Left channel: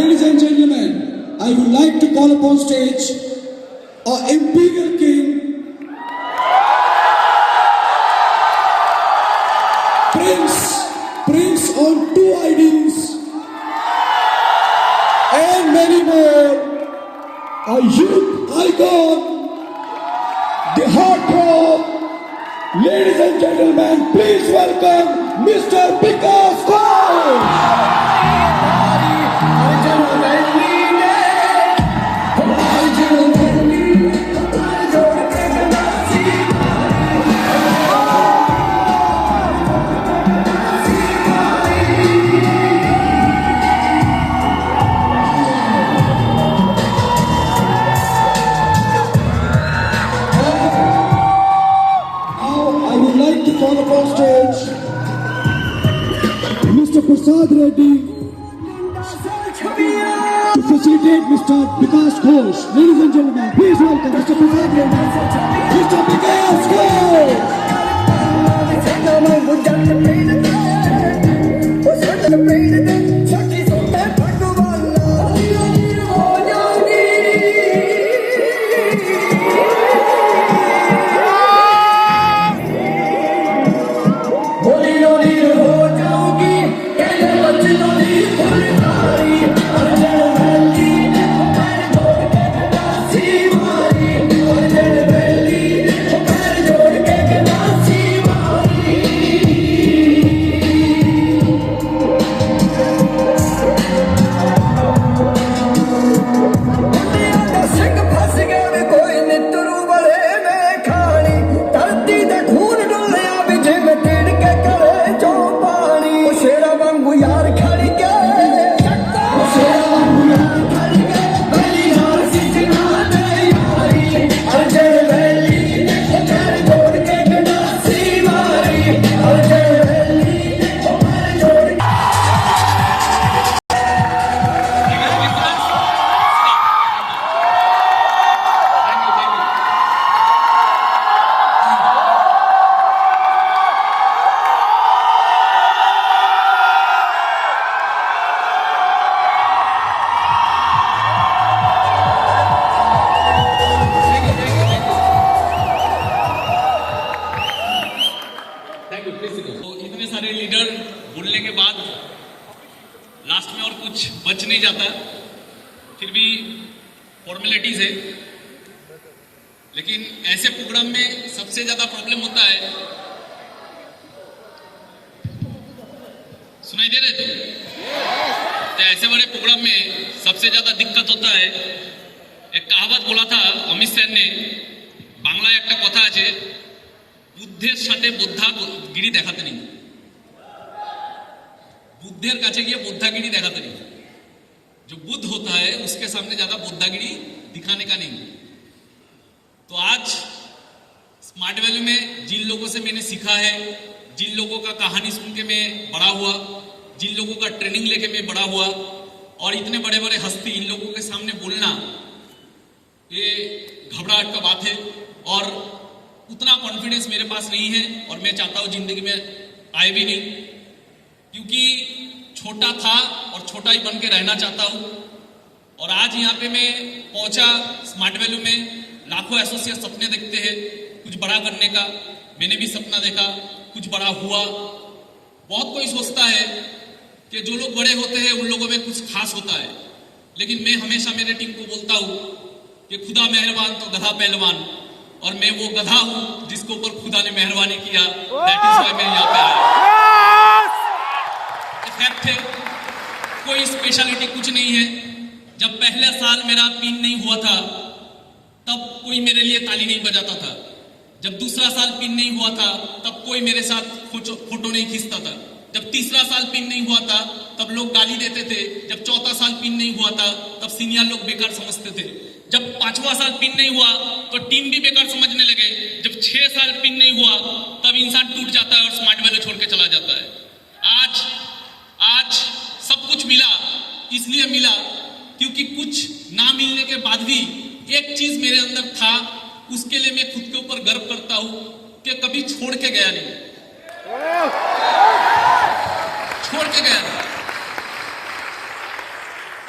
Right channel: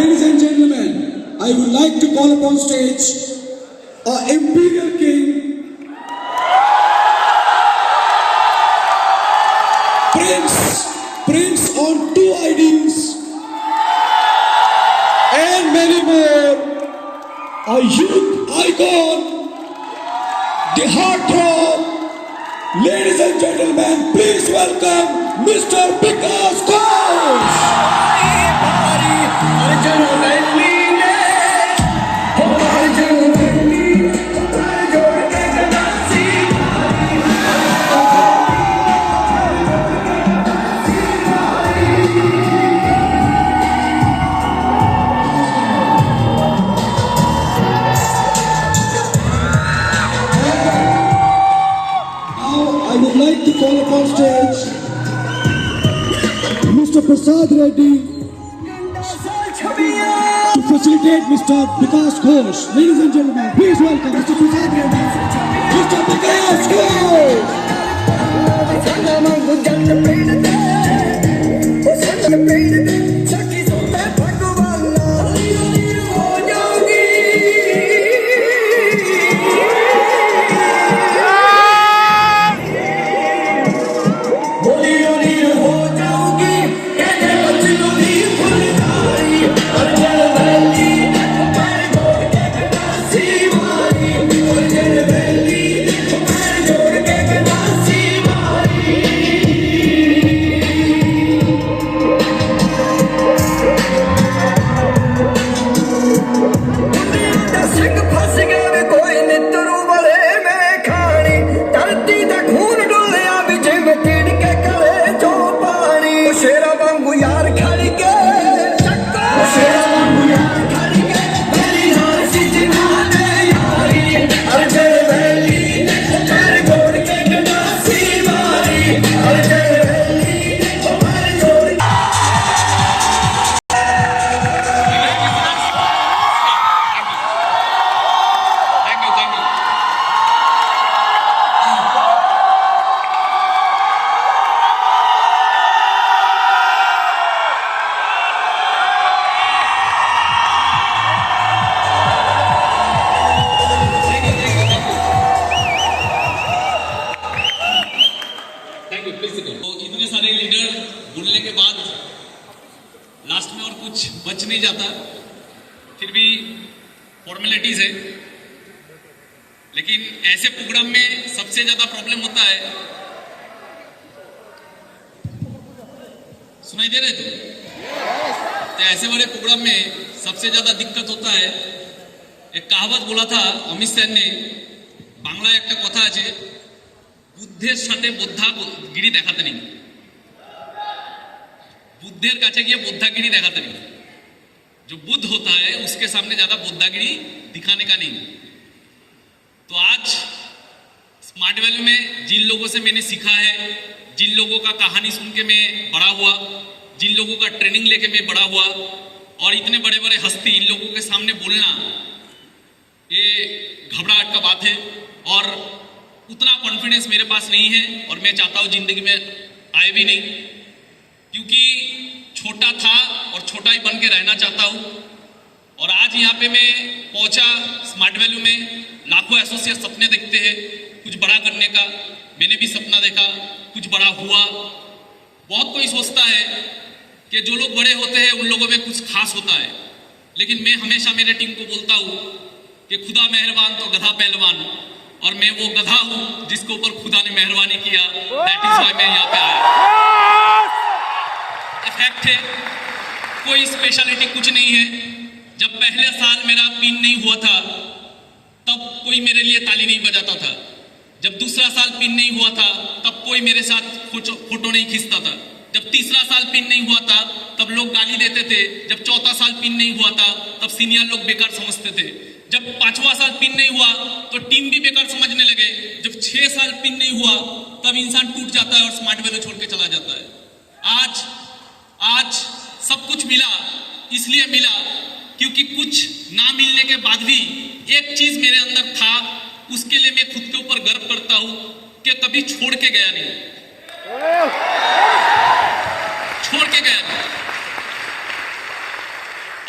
Ladies and gentlemen, I would like to call upon stage our Imperial King, Prince on 2 IDs, and many more, a youth icon, the heartthrob. Ladies and gentlemen, please welcome Mr. Vikas Ghosh. I would like to call upon stage Mr. Prasad Reddy to facilitate Mr. Vikas Ghosh. Ladies and gentlemen, please welcome Mr. Prasad Reddy. Mr. Vikas Ghosh! तो इतने सारे leader बोलने के बाद last में और कुछ बच नहीं जाता, फिर भी फॉर्मेलिटीज है। लेकिन ऐसे प्रोग्राम में सबसे ज्यादा प्रॉब्लम होता है, सुनाई दे रहे तो ऐसे बड़े प्रोग्राम में सबसे ज्यादा दिक्कत होता है। एक कहावत बोला था अमित सेन ने, बांग्ला एक कथा আছে, বুদ্ধের সাথে বোদ্ধাগিরি দেখাতে নেই, बुद्धेर काछे गिये बोद्धागिरी दिखाते नहीं। जो बुद्ध होता है उसके सामने ज्यादा बोद्धागिरी दिखाने का नहीं। तो आज स्मार्ट वैल्यू में जिन लोगों से मैंने सीखा है, जिन लोगों का कहानी सुन के मैं बड़ा हुआ, जिन लोगों का ट्रेनिंग लेके मैं बड़ा हुआ, और इतने बड़े बड़े हस्ती इन लोगों के सामने बोलना ये घबराहट का बात है। और उतना कॉन्फिडेंस मेरे पास नहीं है और मैं चाहता हूं जिंदगी में आए भी नहीं, क्योंकि छोटा था और छोटा ही बन के रहना चाहता हूं। और आज यहाँ पे मैं पहुंचा स्मार्ट वैल्यू में, लाखों एसोसिएट सपने देखते हैं कुछ बड़ा करने का, मैंने भी सपना देखा, कुछ बड़ा हुआ। बहुत कोई सोचता है कि जो लोग बड़े होते हैं उन लोगों में कुछ खास होता है, लेकिन मैं हमेशा मेरे टीम को बोलता हूं कि खुदा मेहरबान तो गधा पहलवान, और मैं वो गधा हूं जिसके ऊपर खुदा ने मेहरबानी किया। दैट इज व्हाई मैं यहाँ पे आया। फैक्ट है, कोई स्पेशलिटी कुछ नहीं है। जब पहले साल मेरा पिन नहीं हुआ था तब कोई मेरे लिए ताली नहीं बजाता था। जब दूसरा साल पिन नहीं हुआ था तब कोई मेरे साथ फोटो नहीं खींचता था। जब तीसरा साल पिन नहीं हुआ था तब लोग गाली देते थे। जब चौथा साल पिन नहीं हुआ था तब सीनियर लोग बेकार समझते थे। जब पांचवा साल पिन नहीं हुआ तो टीम भी बेकार समझने लगे। जब 6 साल पिन नहीं हुआ तब इंसान टूट जाता है और स्मार्ट वैल्यू छोड़ के चला जाता है। आज सब कुछ मिला, इसलिए मिला क्योंकि कुछ ना मिलने के बाद भी एक चीज मेरे अंदर था, उसके लिए मैं खुद के ऊपर गर्व करता हूं कि कभी छोड़ के गया नहीं, छोड़ के गया नहीं।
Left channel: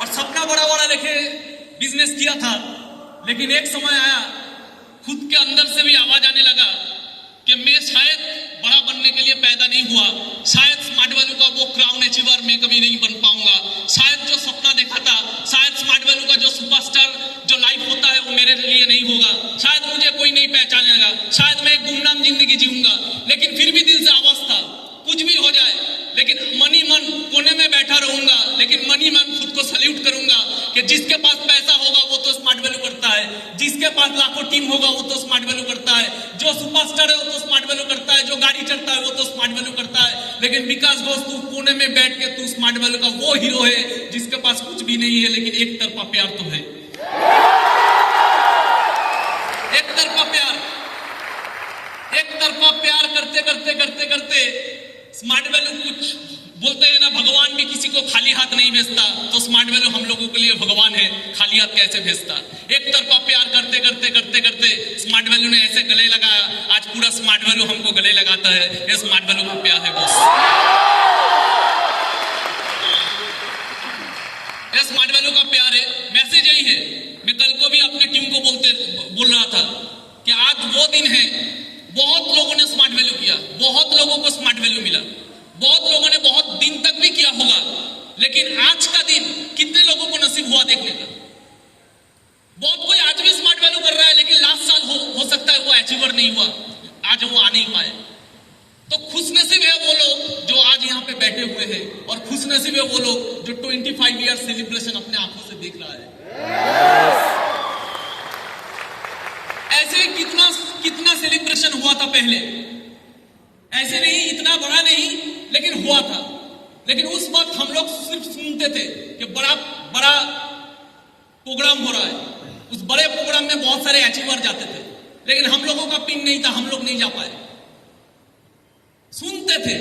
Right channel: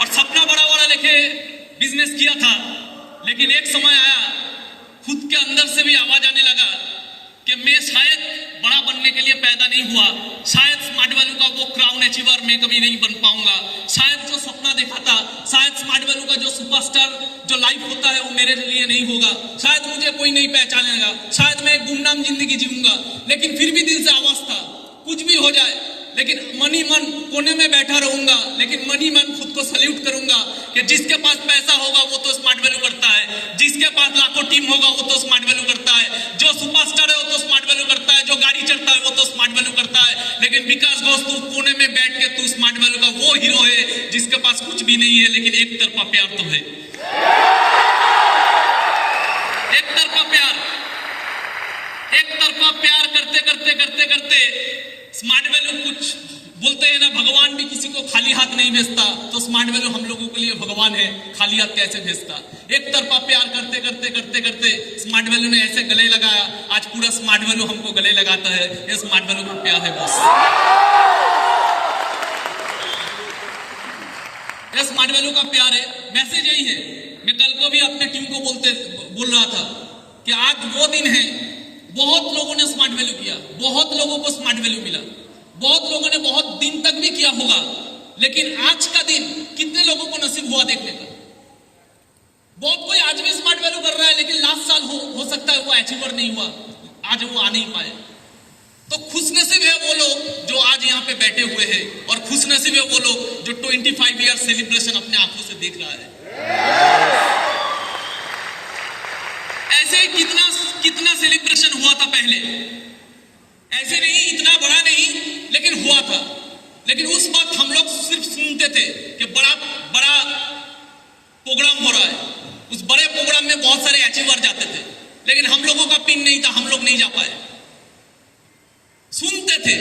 और सपना बड़ा बड़ा लेके बिजनेस किया था, लेकिन एक समय आया खुद के अंदर से भी आवाज आने लगा कि मैं शायद बड़ा बनने के लिए पैदा नहीं हुआ, शायद स्मार्ट वैल्यू का वो क्राउन अचीवर मैं कभी नहीं बन पाऊंगा, शायद जो सपना देखा था, शायद स्मार्ट वैल्यू का जो सुपरस्टार जो लाइफ होता है वो मेरे लिए नहीं होगा, शायद मुझे कोई नहीं पहचानेगा, शायद मैं एक गुमनाम जिंदगी जीऊंगा। लेकिन फिर भी दिल से आवाज था कुछ भी हो जाए, लेकिन मनी मन कोने में बैठा रहूंगा, लेकिन मनी मन खुद को सल्यूट करूंगा कि जिसके पास पैसा होगा वो तो स्मार्ट वैल्यू करता है, जिसके पास लाखों टीम होगा वो तो स्मार्ट वैल्यू करता है, जो सुपरस्टार है वो तो स्मार्ट वैल्यू करता है, जो गाड़ी चढ़ता है वो तो स्मार्ट वैल्यू करता है। लेकिन विकास घोष तू कोने में बैठ के तू स्मार्ट वैल्यू का वो हीरो है जिसके पास कुछ भी नहीं है, लेकिन एक तरफा प्यार तो है, एक तरफा प्यार, एक तरफा प्यार करते करते करते करते स्मार्ट वैल्यू कुछ बोलते हैं ना, भगवान भी किसी को खाली हाथ नहीं भेजता, तो स्मार्ट वैल्यू हम लोगों के लिए भगवान है, खाली हाथ कैसे भेजता। एक तरफा प्यार करते करते करते करते स्मार्ट वैल्यू ने ऐसे गले लगाया, आज पूरा स्मार्ट वैल्यू हमको गले लगाता है। ये स्मार्ट वैल्यू का प्यार है बॉस, ये स्मार्ट वैल्यू का प्यार है। मैसेज यही है, मैं कल को भी अपने टीम को बोल रहा था कि आज वो दिन है, बहुत लोगों ने स्मार्ट वैल्यू किया, बहुत लोगों को स्मार्ट वैल्यू मिला, बहुत लोगों ने बहुत दिन तक भी किया होगा, लेकिन आज का दिन कितने लोगों को नसीब हुआ देखने का। बहुत कोई आज भी स्मार्ट वैल्यू कर रहा है, लेकिन लास्ट साल हो सकता है वो अचीवर नहीं हुआ, आज वो आ नहीं पाए। तो खुशनसीब है वो लोग जो आज यहाँ पे बैठे हुए हैं, और खुशनसीब है वो लोग जो 25 ईयर सेलिब्रेशन अपने आंखों से देख रहा है। ऐसे कितना सेलिब्रेशन हुआ था पहले, ऐसे नहीं, इतना बड़ा नहीं, लेकिन हुआ था। लेकिन उस वक्त हम लोग सिर्फ सुनते थे कि बड़ा बड़ा प्रोग्राम हो रहा है, उस बड़े प्रोग्राम में बहुत सारे अचीवर जाते थे, लेकिन हम लोगों का पिन नहीं था, हम लोग नहीं जा पाए। सुनते थे,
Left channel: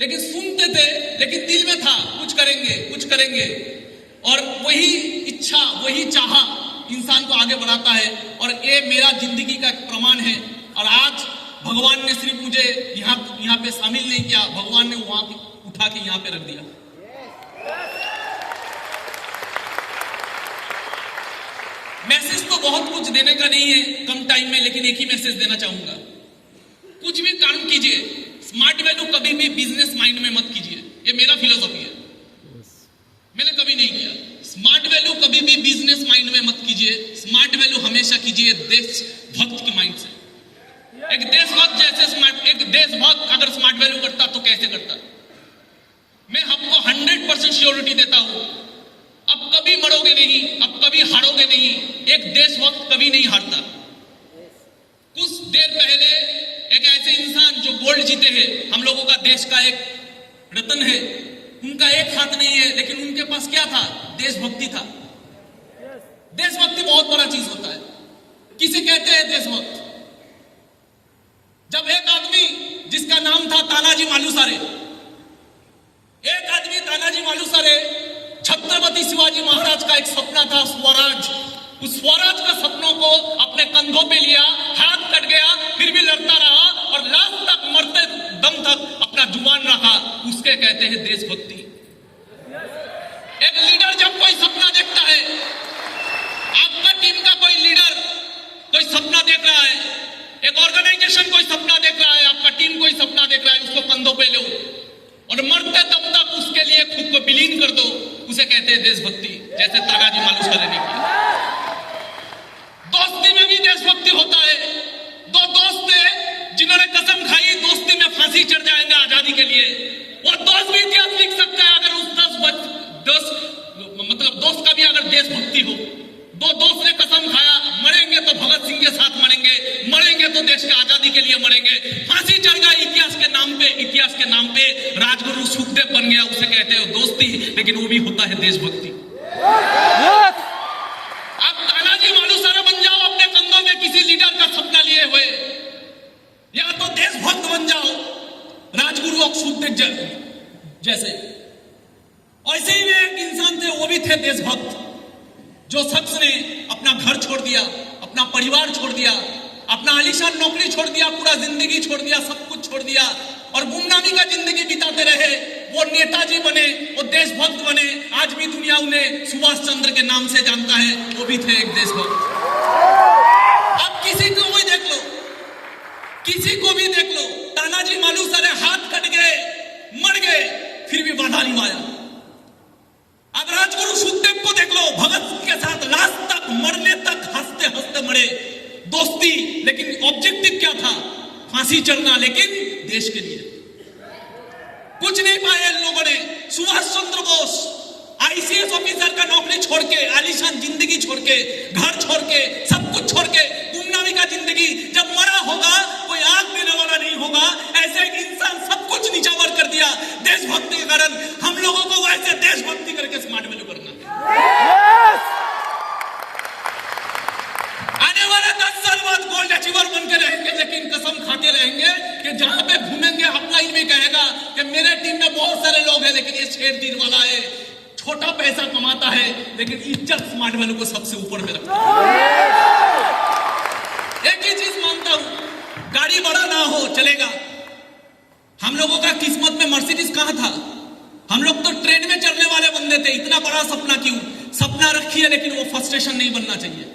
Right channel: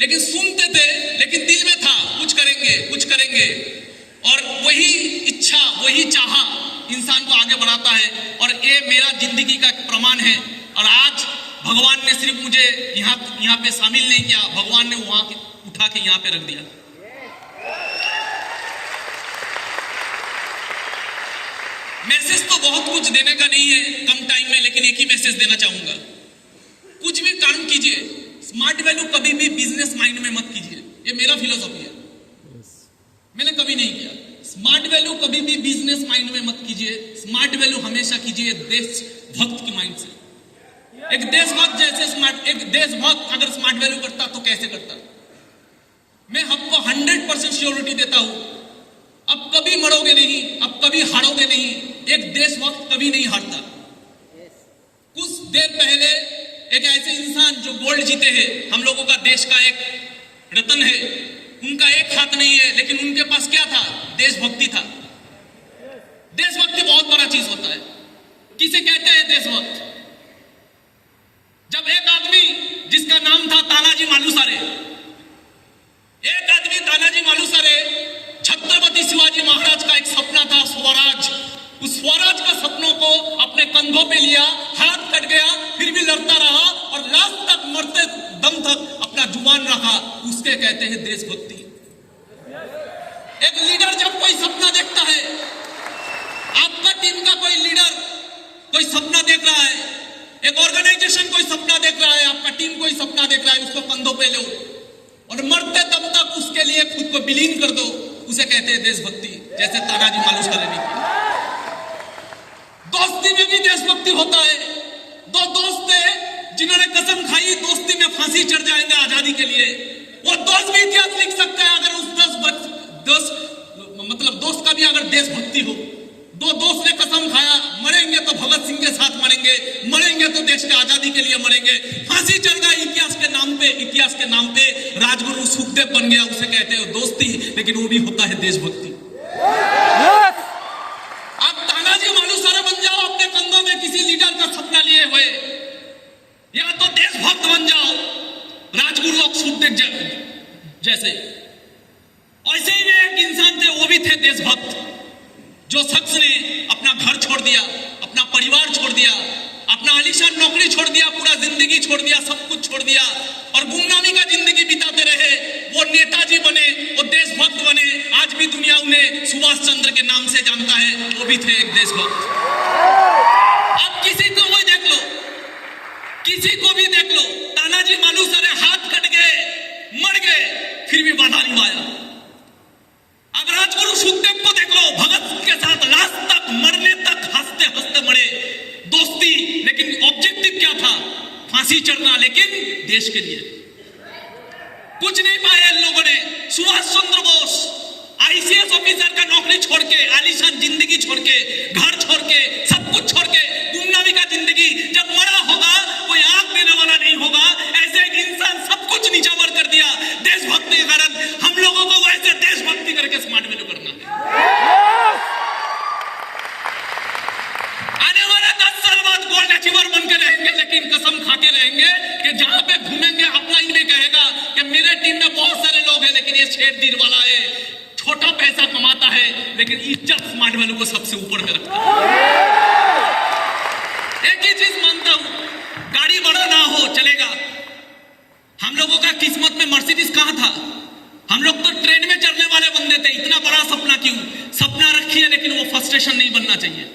लेकिन दिल में था कुछ करेंगे कुछ करेंगे, और वही इच्छा वही चाह इंसान को आगे बढ़ाता है। और ये मेरा जिंदगी का एक प्रमाण है। और आज भगवान ने सिर्फ मुझे यहाँ पे शामिल नहीं किया, भगवान ने वहां उठा के यहाँ पे रख दिया। मैसेज तो बहुत कुछ देने का नहीं है कम टाइम में, लेकिन एक ही मैसेज देना चाहूंगा, कुछ भी काम कीजिए, स्मार्ट वैल्यू कभी भी बिजनेस माइंड में मत कीजिए। ये मेरा फिलोसॉफी है, मैंने कभी नहीं किया। स्मार्ट वैल्यू कभी भी बिजनेस माइंड में मत कीजिए, स्मार्ट वैल्यू हमेशा कीजिए देशभक्त की माइंड से। एक देशभक्त एक देशभक्त अगर स्मार्ट वैल्यू करता तो कैसे करता? मैं हमको 100% श्योरिटी देता हूं, अब कभी मरोगे नहीं, अब कभी हारोगे नहीं। एक देशभक्त कभी नहीं हारता। कुछ देर पहले एक ऐसे इंसान जो गोल्ड जीते हैं, हम लोगों का देश का एक रत्न है, उनका एक हाथ नहीं है, लेकिन उनके पास क्या था? देशभक्ति था। देशभक्ति बहुत बड़ा चीज होता है। किसे कहते हैं देशभक्त? जब एक आदमी जिसका नाम था तानाजी मालुसरे, एक आदमी तानाजी मालुसरे, छत्रपति शिवाजी महाराज का एक सपना था स्वराज, उस स्वराज का सपनों को अपने कंधों पे लिया, हाथ कट गया, फिर भी लड़ता रहा और लास्ट तक मरते दम तक अपना जुबान रखा, उसके कहते हैं देशभक्ति। एक लीडर जब कोई सपना देखता है, आपका टीम का कोई लीडर कोई सपना देख रहा है, एक ऑर्गेनाइजेशन कोई सपना देख रहा है, आपका टीम कोई सपना देख रहा है, उसको कंधों पे लो और मरते दम तक उसके लिए खुद को विलीन कर दो, उसे कहते हैं देशभक्ति। जैसे तानाजी मालुसरे ने किया। दोस्ती में भी देशभक्ति होता है। दो दोस्त थे जिन्होंने कसम खाई दोस्ती में फांसी चढ़ जाएगा आजादी के लिए, वो दोस्त भी इतिहास लिख सकता है अगर उस दोस्त का भी अगर देशभक्ति हो। दो दोस्त ने कसम खाया, मरेंगे तो भगत सिंह के साथ मरेंगे, मरेंगे तो देश की आजादी के लिए मरेंगे, फांसी चढ़ गया इतिहास के नाम पे राजगुरु सुखदेव बन गया, उसे कहते हैं दोस्ती, लेकिन वो भी होता है देशभक्ति। आप तानाजी मालुसरे बन जाओ अपने कंधों में किसी लीडर का सपना लिए हुए, या तो देशभक्त बन जाओ राजगुरु और सुखदेव जैसे। ऐसे ही एक इंसान थे, वो भी थे देशभक्त, जो शख्स ने अपना घर छोड़ दिया, अपना परिवार छोड़ दिया, अपना आलीशान नौकरी छोड़ दिया, पूरा जिंदगी छोड़ दिया, सब कुछ छोड़ दिया और गुमनामी का जिंदगी बिताते रहे। वो नेताजी बने, वो देशभक्त बने। आज भी दुनिया उन्हें सुभाष चंद्र के नाम से जानता है, वो भी थे एक देशभक्त। अब किसी को भी देख लो, किसी को भी देख लो, तानाजी मालुसरे हाथ कट गए, मर गए, फिर भी बाधा निभाया। अब राजगुरु सुखदेव को देख लो, भगत सिंह के साथ लास्ट तक, मरने तक हंसते हंसते मरे, दोस्ती, लेकिन ऑब्जेक्टिव क्या था? फांसी चढ़ना, लेकिन देश के लिए कुछ नहीं पाए इन लोगों ने। सुभाष चंद्र बोस आईसीएस ऑफिसर का नौकरी छोड़ के, आलीशान जिंदगी छोड़ के, घर छोड़ के, सब कुछ छोड़ के, गुमनामी का जिंदगी, जब मरा होगा कोई आग देने वाला नहीं होगा। ऐसे एक इंसान सब कुछ नीचावर कर दिया देशभक्ति के कारण। हम लोगों को वैसे देशभक्ति करके स्मार्ट वैल्यू करना है। आने वाले 10 साल बाद गोल्ड अचीवर बन के रहेंगे, लेकिन कसम खा के रहेंगे कि जहां पे घूमेंगे अपना ही नहीं कहेगा कि मेरे टीम में बहुत सारे लोग हैं, लेकिन ये शेर दिल वाला है, छोटा पैसा कमाता है, लेकिन इज्जत स्मार्ट वैल्यू को सबसे ऊपर में रखता है। एक ही चीज मानता हूं, गाड़ी बड़ा ना हो चलेगा। हम लोगों का किस्मत में मर्सिडीज कहां था? हम लोग तो ट्रेन में चढ़ने वाले बंदे थे। इतना बड़ा सपना क्यों? सपना रखिए, लेकिन वो फ्रस्ट्रेशन नहीं बनना चाहिए।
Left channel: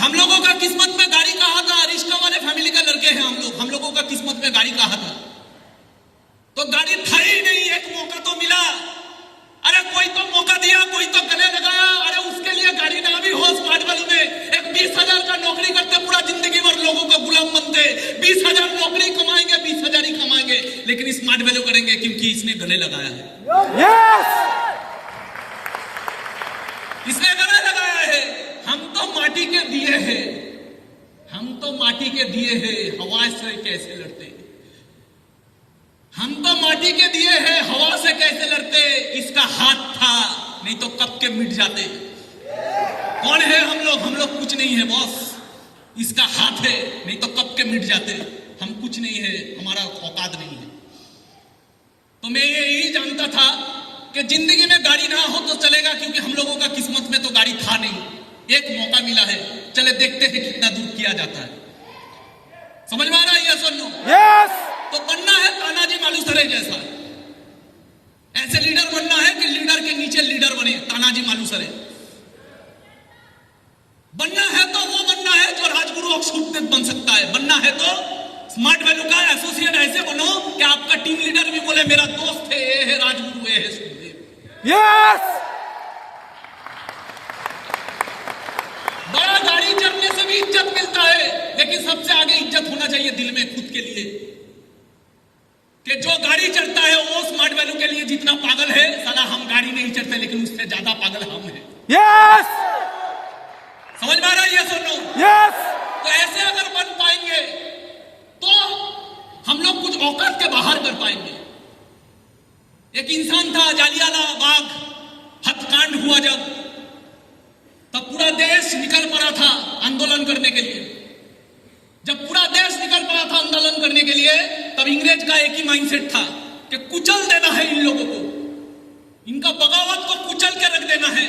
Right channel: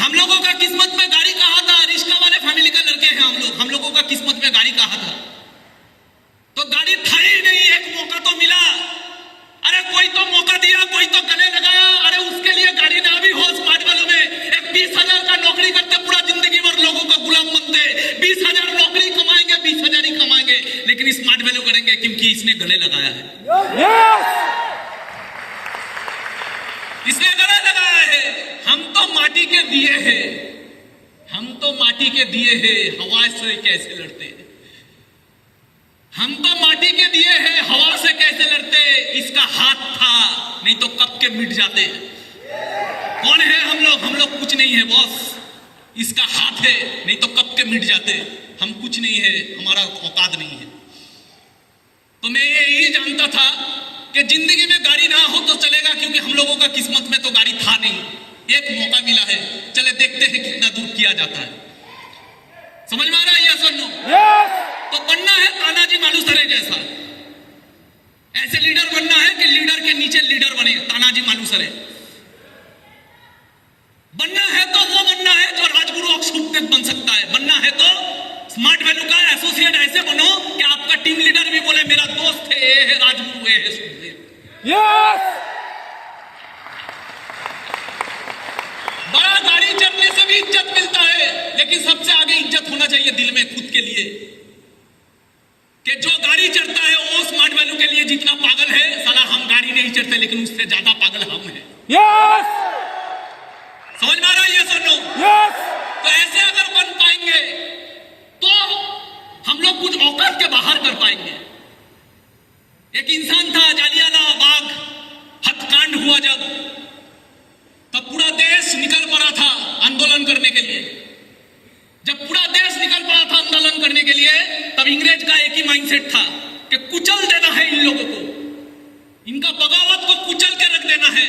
हम लोगों का किस्मत में गाड़ी कहां था? रिश्ता वाले फैमिली का लड़के हैं हम लोगों का किस्मत में गाड़ी कहां था? तो गाड़ी था ही नहीं। एक मौका तो मिला, अरे कोई तो मौका दिया, कोई तो गले लगाया। अरे उसके लिए गाड़ी ना भी हो, स्मार्ट वैल्यू में एक 20,000 का नौकरी करते, पूरा जिंदगी भर लोगों का गुलाम बनते, 20,000 नौकरी कमाएंगे, 20,000 ही कमाएंगे, लेकिन स्मार्ट वैल्यू करेंगे क्योंकि इसने गले लगाया है। इसने गले लगाया है। हम तो माटी के दिए हैं, हम तो माटी के दिए हैं, हवा से कैसे लड़ते? हम तो माटी के दिए हैं, हवा से कैसे लड़ते? इसका हाथ था, नहीं तो कब के मिट जाते। कौन है हम लोग? हम लोग कुछ नहीं है बॉस। इसका हाथ है, नहीं तो कब के मिट जाते। हम कुछ नहीं है, हमारा औकात नहीं है। तो मैं यही जानता था कि जिंदगी में गाड़ी ना हो तो चलेगा, क्योंकि हम लोगों का किस्मत में तो गाड़ी था नहीं। एक मौका मिला है, चले देखते हैं कितना दूर किया जाता है। समझ में आ रहा है? यस और नो? यस। तो बनना है तानाजी मालुसरे जैसा, ऐसे लीडर बनना है कि लीडर के नीचे लीडर बने, तानाजी मालुसरे बनना है। तो वो बनना है जो राजगुरु सुखदेव बन सकता है। बनना है तो स्मार्ट वैल्यू का एसोसिएट ऐसे बनो कि आपका टीम लीडर भी बोले मेरा दोस्त है, ये है राजगुरु, ये है सुखदेव। यस। बड़ा गाड़ी चढ़ने से भी इज्जत मिलता है, लेकिन सबसे आगे इज्जत होना चाहिए दिल में, खुद के लिए, कि जो गाड़ी चढ़ता है वो स्मार्ट वैल्यू के लिए जितना पागल है, साला हम गाड़ी नहीं चढ़ते, लेकिन उससे ज्यादा पागल हम हैं। यस। समझ में आ रहा है? यस और नो? यस। तो ऐसे अगर बन पाएंगे तो हम लोग कुछ औकात के बाहर कर पाएंगे। एक इंसान था, जालियांवाला बाग हत्याकांड हुआ जब पूरा देश निकल पड़ा था आंदोलन करने के लिए। जब पूरा देश निकल पड़ा था आंदोलन करने के लिए, तब इंग्रेज का एक ही माइंडसेट था कि कुचल देना है इन लोगों को, इनका बगावत को कुचल के रख देना है।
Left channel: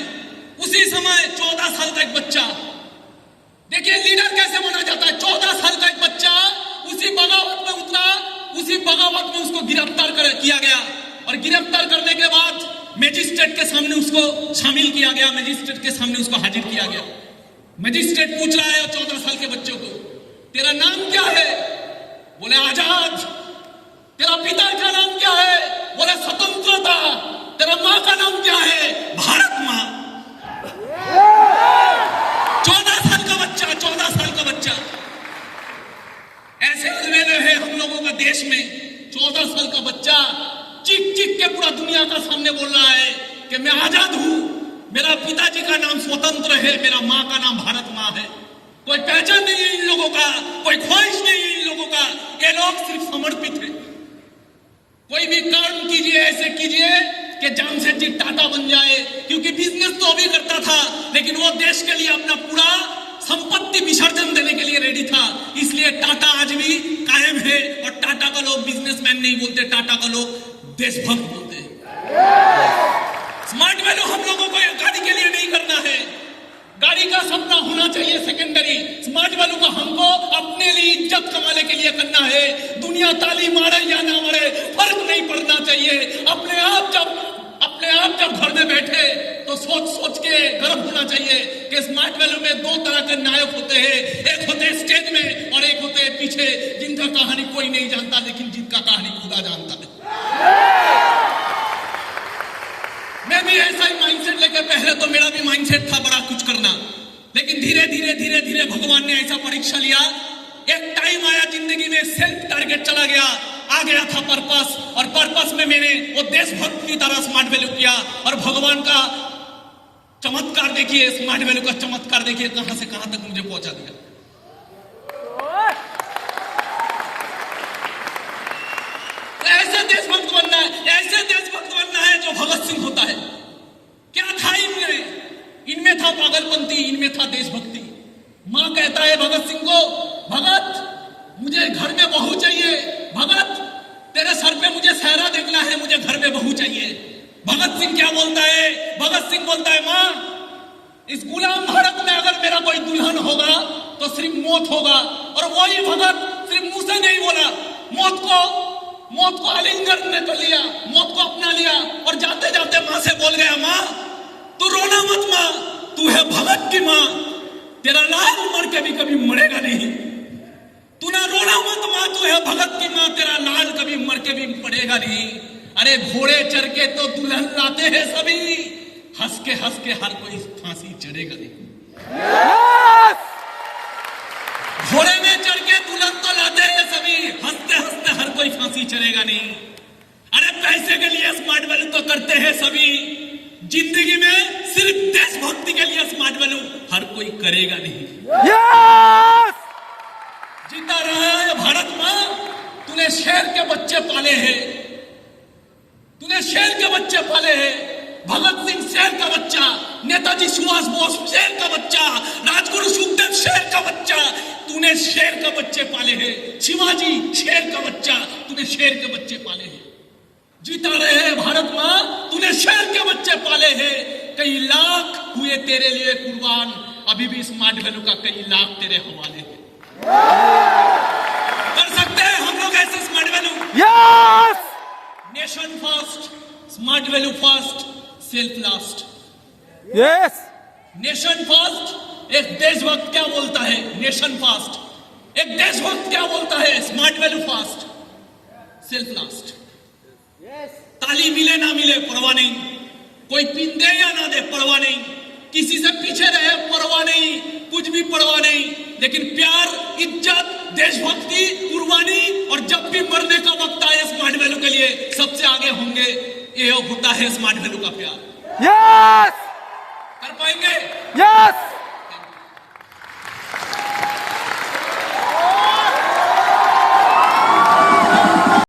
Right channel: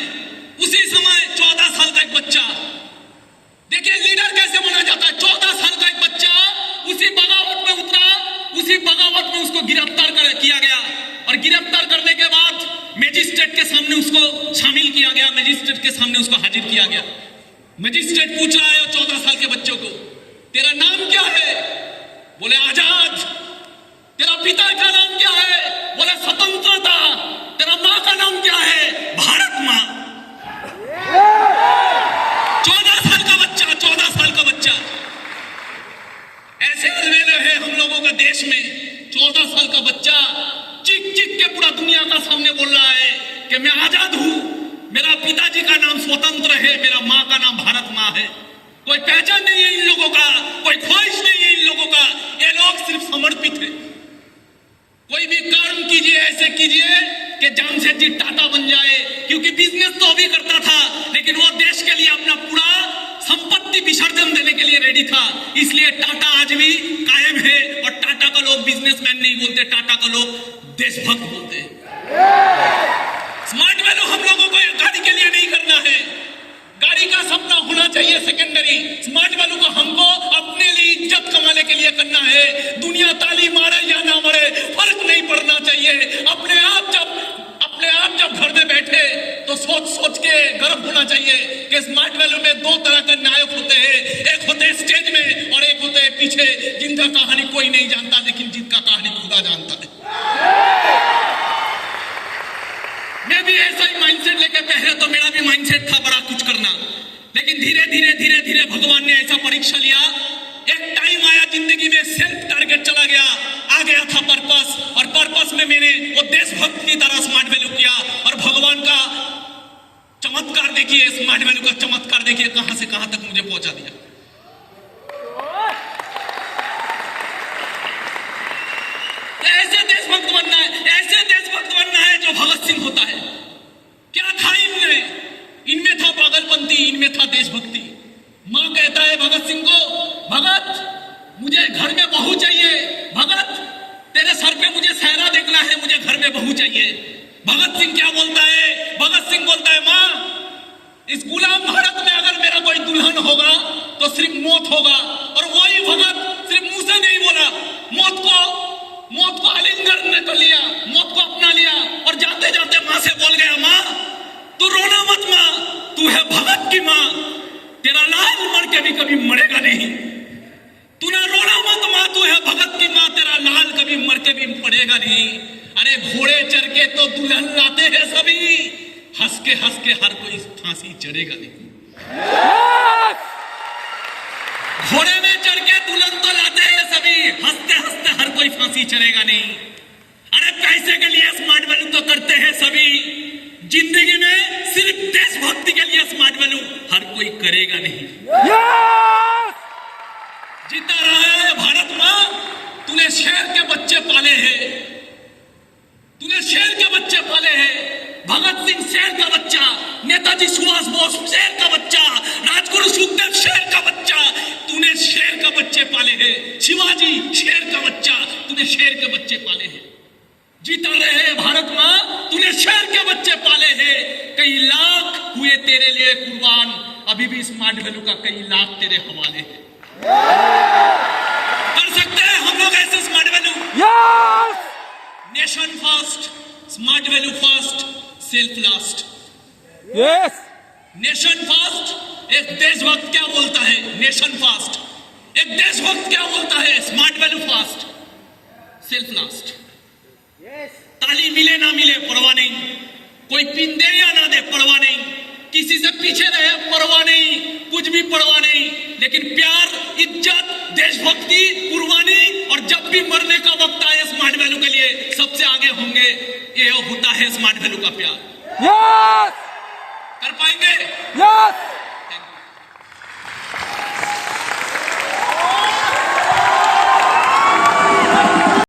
उसी समय 14 साल का एक बच्चा, देखिए लीडर कैसे बना जाता है। 14 साल का एक बच्चा उसी बगावत में उतरा, उसी बगावत में उसको गिरफ्तार किया गया, और गिरफ्तार करने के बाद मजिस्ट्रेट के सामने उसको शामिल किया गया, मजिस्ट्रेट के सामने उसको हाजिर किया गया। मजिस्ट्रेट पूछ रहा है 14 साल के बच्चों को, तेरा नाम क्या है? बोले आजाद। तेरा पिता का नाम क्या है? बोले स्वतंत्रता। तेरा माँ का नाम क्या है? भारत माँ। 14 साल का बच्चा, 14 साल का बच्चा। ऐसे अलवेले हैं हम लोगों का देश में। 14 साल का बच्चा चिक चिक के पूरा दुनिया का सामने बोल रहा है कि मैं आजाद हूं, मेरा पिताजी का नाम स्वतंत्र है, मेरा माँ का नाम भारत माँ है। कोई पहचान नहीं है इन लोगों का, कोई ख्वाहिश नहीं है इन लोगों का। ये लोग सिर्फ समर्पित है। कोई भी कर्म कीजिए, ऐसे कीजिए कि जामशेदजी टाटा बन जाए, क्योंकि बिजनेस तो अभी करता था, लेकिन वो देश के लिए अपना पूरा संपत्ति विसर्जन देने के लिए रेडी था। इसलिए टाटा आज भी कायम है, और टाटा का लोग बिजनेसमैन नहीं बोलते, टाटा का लोग देशभक्त बोलते हैं। स्मार्ट वैल्यू हम लोगों को गाड़ी के लिए नहीं करना है, गाड़ी का सपना होना चाहिए सेकेंडरी। स्मार्ट वैल्यू को हम करना है। दुनिया ताली मारे या ना मारे फर्क नहीं पड़ना चाहिए। अपने आप जब घर में बैठे तो सोच के गर्व होना चाहिए कि स्मार्ट वैल्यू में दो तरह के नायक होते हैं, एक होते हैं स्टेज में और एक होते हैं पीछे, जिनका कहानी कोई नहीं जानता लेकिन जिनका कहानी खुदा जानता है। मैं भी ऐसा ही माइंडसेट लेके, पहले तो मेरा भी माइंडसेट था बड़ा कुछ करना, लेकिन धीरे धीरे भगवान ने ऐसा परीक्षा लिया। एक टाइम आया जिंदगी में सेल्फ टारगेट चला गया, आ गया था पर्पस, और पर्पस में मैंने वो देशभक्त की तरह स्मार्ट वैल्यू किया। और भगवान का चमत्कार देखिए, स्मार्ट वैल्यू का चमत्कार देखिए कहां से कहां तक मुझे पहुंचा दिया। ऐसे देशभक्त बनना है, ऐसे देशभक्त बनना है जो भगत सिंह होता है। क्या था इनमें था पागलपंती, इनमें था देशभक्ति। मां कहता है भगत सिंह को, भगत मुझे घर में बहू चाहिए, भगत तेरे सर पे मुझे सहरा देखना है, मुझे घर में बहू चाहिए। भगत सिंह क्या बोलता है? भगत सिंह बोलता है, मां इस गुलाम भारत में अगर मेरा कोई दुल्हन होगा तो सिर्फ मौत होगा। और वही भगत सिर्फ मुंह से नहीं बोला, मौत को आलिंगन में तो लिया, मौत को अपना लिया, और जाते जाते मां से बोल गया, मां तू रोना मत, मां तू है भगत की मां, तेरा लाल मर के भी कभी मरेगा नहीं। तू ना रोना मत मां, तू है भगत की मां, तेरा लाल कभी मर के भी मरेगा नहीं। अरे घोड़े चढ़ के तो दुल्हन लाते हैं सभी, हंस के हर कोई फांसी चढ़ेगा नहीं। घोड़े में चढ़ के दुल्हन तो लाते हैं सभी, हंसते हर कोई फांसी चढ़ेगा नहीं। अरे पैसे के लिए स्मार्ट वैल्यू तो करते हैं सभी, जिंदगी में सिर्फ देशभक्ति के लिए स्मार्ट वैल्यू हर कोई करेगा नहीं। जीता रहा है भारत मां, तूने शेर के बच्चे पाले हैं, तूने शेर के बच्चे पाले हैं। भगत सिंह शेर का बच्चा, नेताजी सुभाष बोस शेर का बच्चा, राजगुरु सुखदेव शेर का बच्चा, तूने शेर के बच्चे पाले हैं। शिवाजी शेर का बच्चा, तूने शेर के बच्चे पाले हैं। जीता रहे हैं भारत मां, तूने शेर के बच्चे पाले हैं। कई लाख हुए तेरे लिए कुर्बान, अभी भी स्मार्ट वैल्यू का कई लाख तेरे हवाले हैं। कर सकते हैं हम लोग ऐसे smart value? Yes. Nation first, smart value first, self last. Yes. Nation first, एक देशभक्त क्या बोलता है? Nation first. एक देशभक्त क्या बोलता है? Smart value first, self last. ताली मिले ना मिले परवाह नहीं, कोई पिन दे या ना दे परवाह नहीं, किसी से पीछे रहे परवाह नहीं, कुछ भी परवाह नहीं, लेकिन प्यार, इज्जत, देशभक्ति, कुर्बानी, और जब भी मरने का वक्त आए स्मार्ट वैल्यू के लिए सबसे आगे होंगे। ये होता है स्मार्ट वैल्यू का प्यार। यस। कर पाएंगे? यस।